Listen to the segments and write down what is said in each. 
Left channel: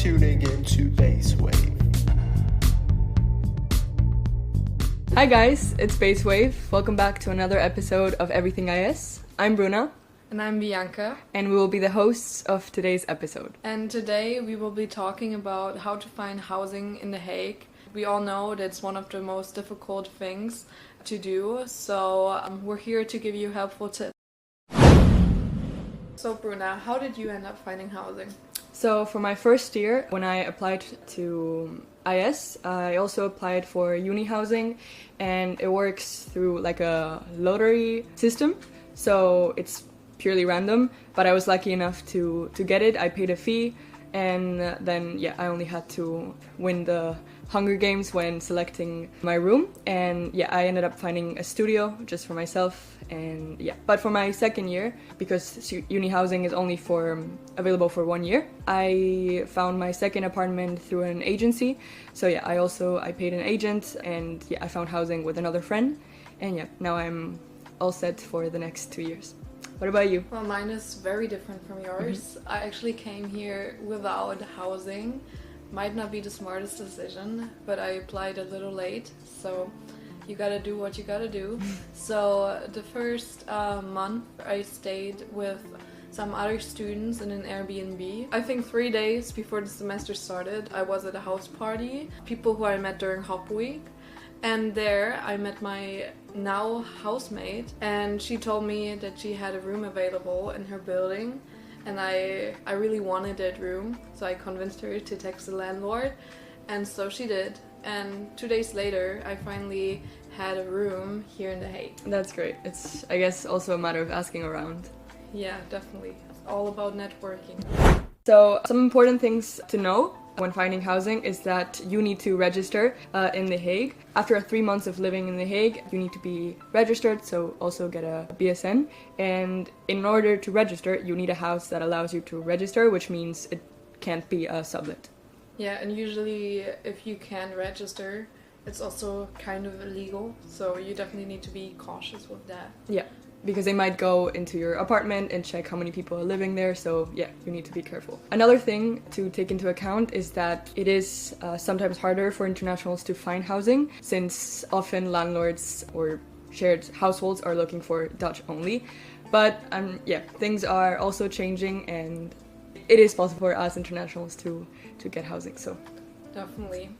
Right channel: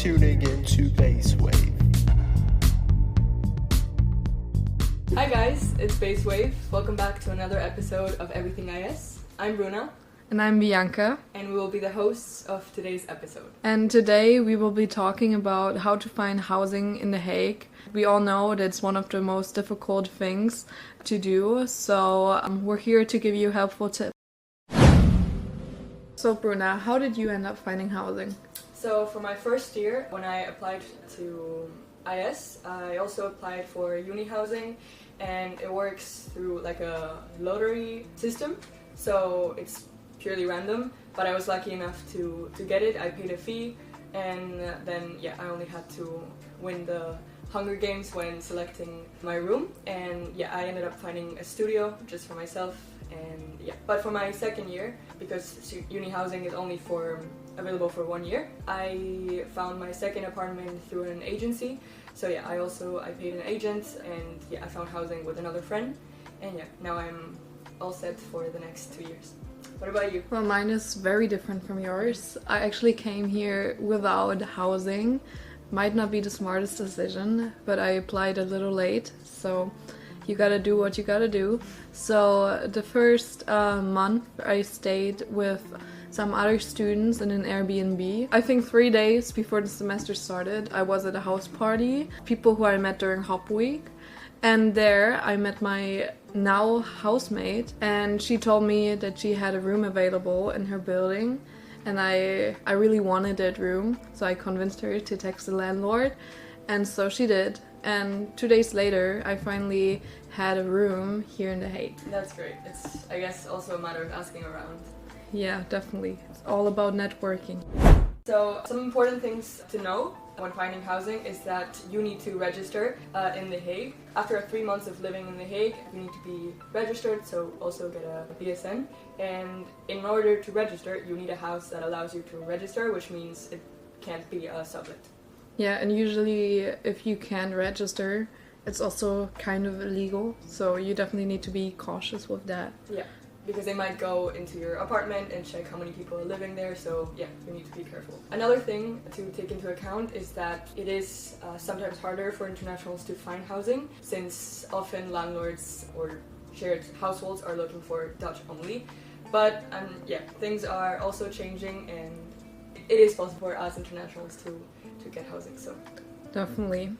tuning into Base Wave. Hi guys, it's Base Wave. Welcome back to another episode of Everything IS. I'm Bruna. And I'm Bianca. And we will be the hosts of today's episode. And today we will be talking about how to find housing in The Hague. We all know that it's one of the most difficult things to do, so we're here to give you helpful tips. So Bruna, how did you end up finding housing? So for my first year, when I applied to IS, I also applied for uni housing, and it works through like a lottery system. So it's purely random, but I was lucky enough to get it. I paid a fee, and then I only had to win the Hunger Games when selecting my room, and I ended up finding a studio just for myself. And but for my second year, because uni housing is only available for 1 year, I found my second apartment through an agency. So I paid an agent, and I found housing with another friend, and now I'm all set for the next 2 years. What about you? Well, mine is very different from yours. I actually came here without housing. Might not be the smartest decision, but I applied a little late, so you gotta do what you gotta do. So the first month I stayed with some other students in an Airbnb. I think 3 days before the semester started, I was at a house party, people who I met during Hop Week. And there I met my now housemate, and she told me that she had a room available in her building, and I really wanted that room, so I convinced her to text the landlord, and so she did. And 2 days later I finally had a room here in The Hague. That's great. It's, I guess, also a matter of asking around. Yeah, definitely. It's all about networking. So some important things to know when finding housing is that you need to register in The Hague. After 3 months of living in The Hague, you need to be registered, so also get a BSN. And in order to register, you need a house that allows you to register, which means it can't be a sublet. Yeah, and usually if you can't register, it's also kind of illegal, so you definitely need to be cautious with that. Yeah. Because they might go into your apartment and check how many people are living there, so you need to be careful. Another thing to take into account is that it is sometimes harder for internationals to find housing, since often landlords or shared households are looking for Dutch only. But things are also changing, and it is possible for us internationals to get housing, so. Definitely.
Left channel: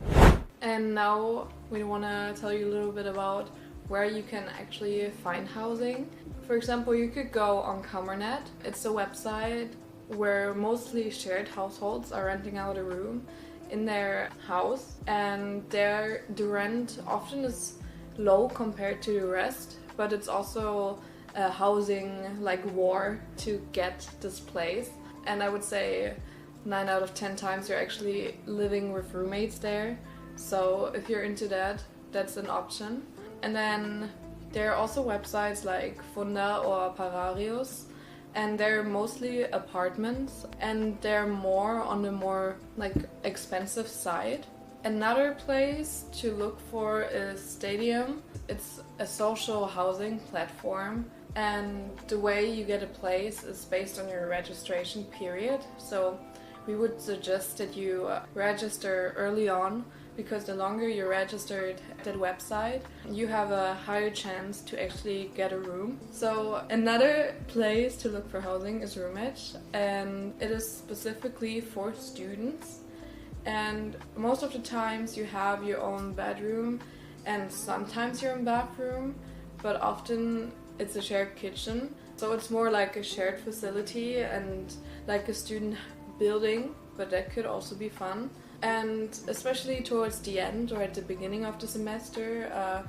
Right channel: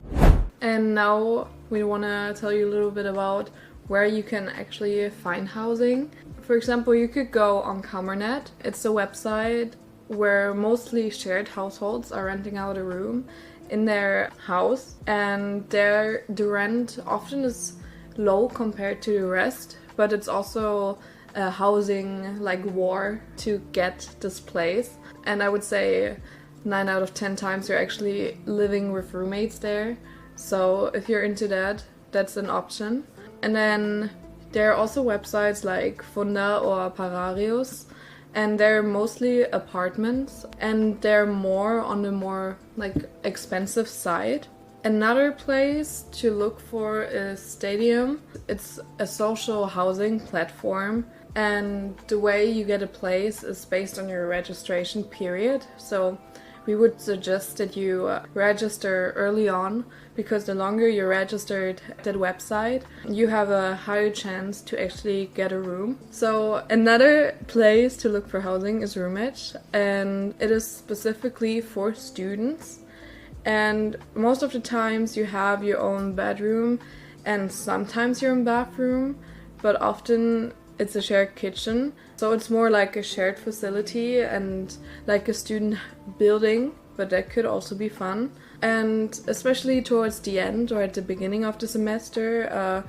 And now we want to tell you a little bit about where you can actually find housing. For example, you could go on Kamernet. It's a website where mostly shared households are renting out a room in their house, and there the rent often is low compared to the rest, but it's also a housing like war to get this place. And I would say 9 out of 10 times you're actually living with roommates there. So if you're into that, that's an option. And then there are also websites like Funda or Pararius, and they're mostly apartments, and they're more on the more like expensive side. Another place to look for is Stadium. It's a social housing platform, and the way you get a place is based on your registration period. So we would suggest that you register early on, because the longer you're registered at that website, you have a higher chance to actually get a room. So another place to look for housing is Roommatch, and it is specifically for students. And most of the times you have your own bedroom and sometimes your own bathroom, but often it's a shared kitchen. So it's more like a shared facility and like a student building, but that could also be fun. And especially towards the end or at the beginning of the semester,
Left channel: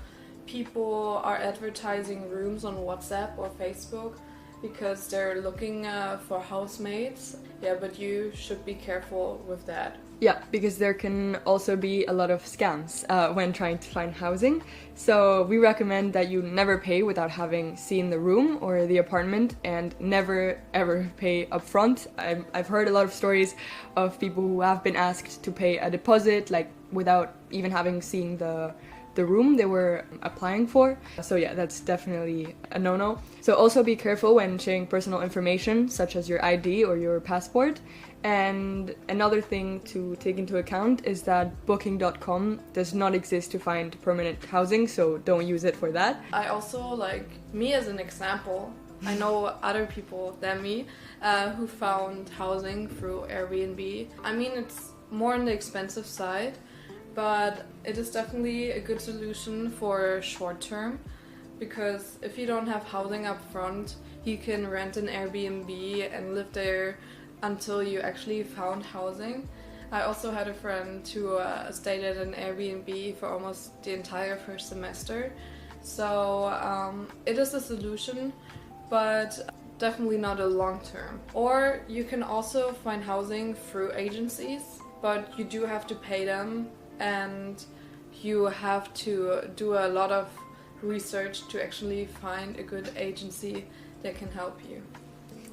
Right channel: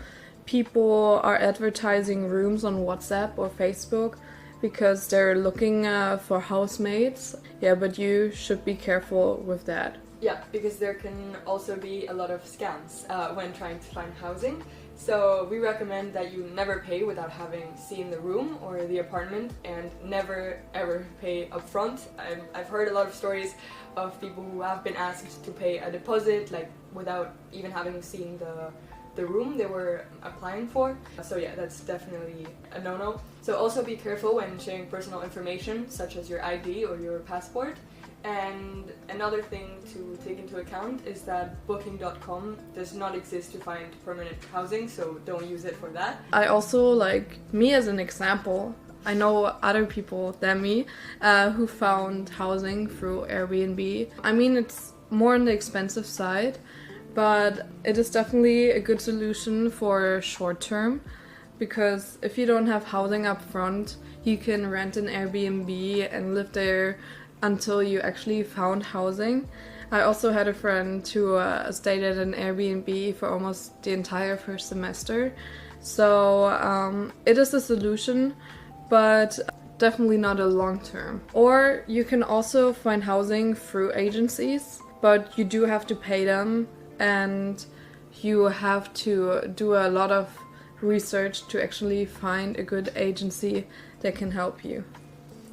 people are advertising rooms on WhatsApp or Facebook because they're looking for housemates. Yeah, but you should be careful with that. Yeah, because there can also be a lot of scams when trying to find housing. So we recommend that you never pay without having seen the room or the apartment, and never ever pay upfront. I've heard a lot of stories of people who have been asked to pay a deposit, like without even having seen the the room they were applying for. So yeah, that's definitely a no-no. So also be careful when sharing personal information such as your ID or your passport. And another thing to take into account is that booking.com does not exist to find permanent housing, so don't use it for that. I also, like, me as an example, I know other people than me who found housing through Airbnb. I mean, it's more on the expensive side, but it is definitely a good solution for short term, because if you don't have housing up front, you can rent an Airbnb and live there until you actually found housing. I also had a friend who stayed at an Airbnb for almost the entire first semester. So it is a solution, but definitely not a long term. Or you can also find housing through agencies, but you do have to pay them and you have to do a lot of research to actually find a good agency that can help you.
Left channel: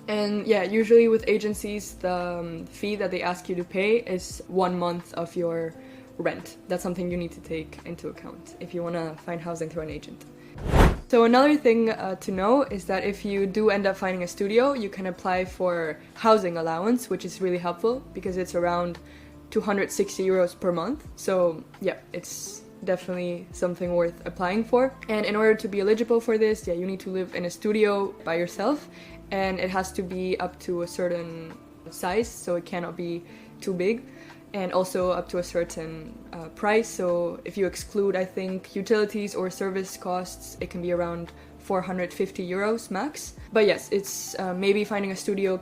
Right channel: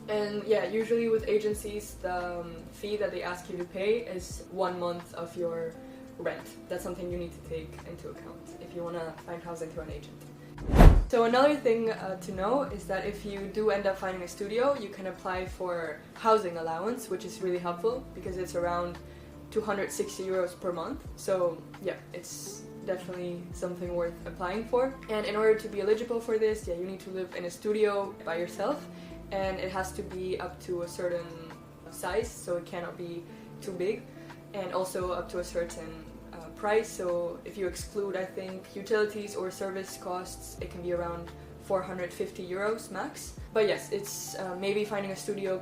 And yeah, usually with agencies, the fee that they ask you to pay is 1 month of your rent. That's something you need to take into account if you want to find housing through an agent. So another thing to know is that if you do end up finding a studio, you can apply for housing allowance, which is really helpful because it's around 260 euros per month. So yeah, it's definitely something worth applying for. And in order to be eligible for this, yeah, you need to live in a studio by yourself. And it has to be up to a certain size, so it cannot be too big, and also up to a certain price. So if you exclude, I think, utilities or service costs, it can be around 450 euros max. But yes, it's maybe finding a studio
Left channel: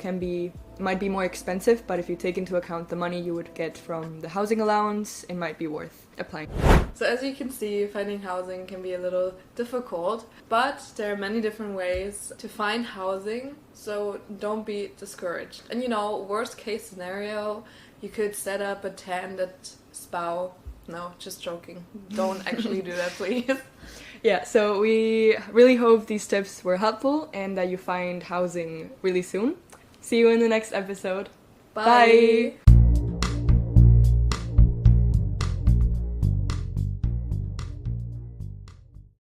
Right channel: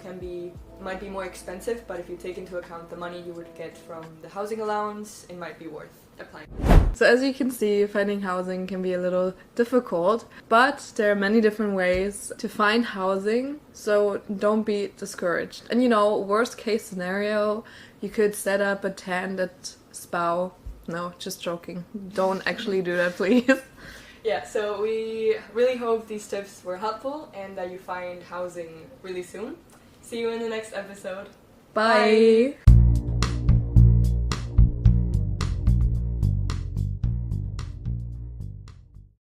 might be more expensive, but if you take into account the money you would get from the housing allowance, it might be worth applying. So as you can see, finding housing can be a little difficult, but there are many different ways to find housing, so don't be discouraged. And worst case scenario, you could set up a tent at Spau. No, just joking. Don't actually do that, please. Yeah, so we really hope these tips were helpful and that you find housing really soon. See you in the next episode. Bye.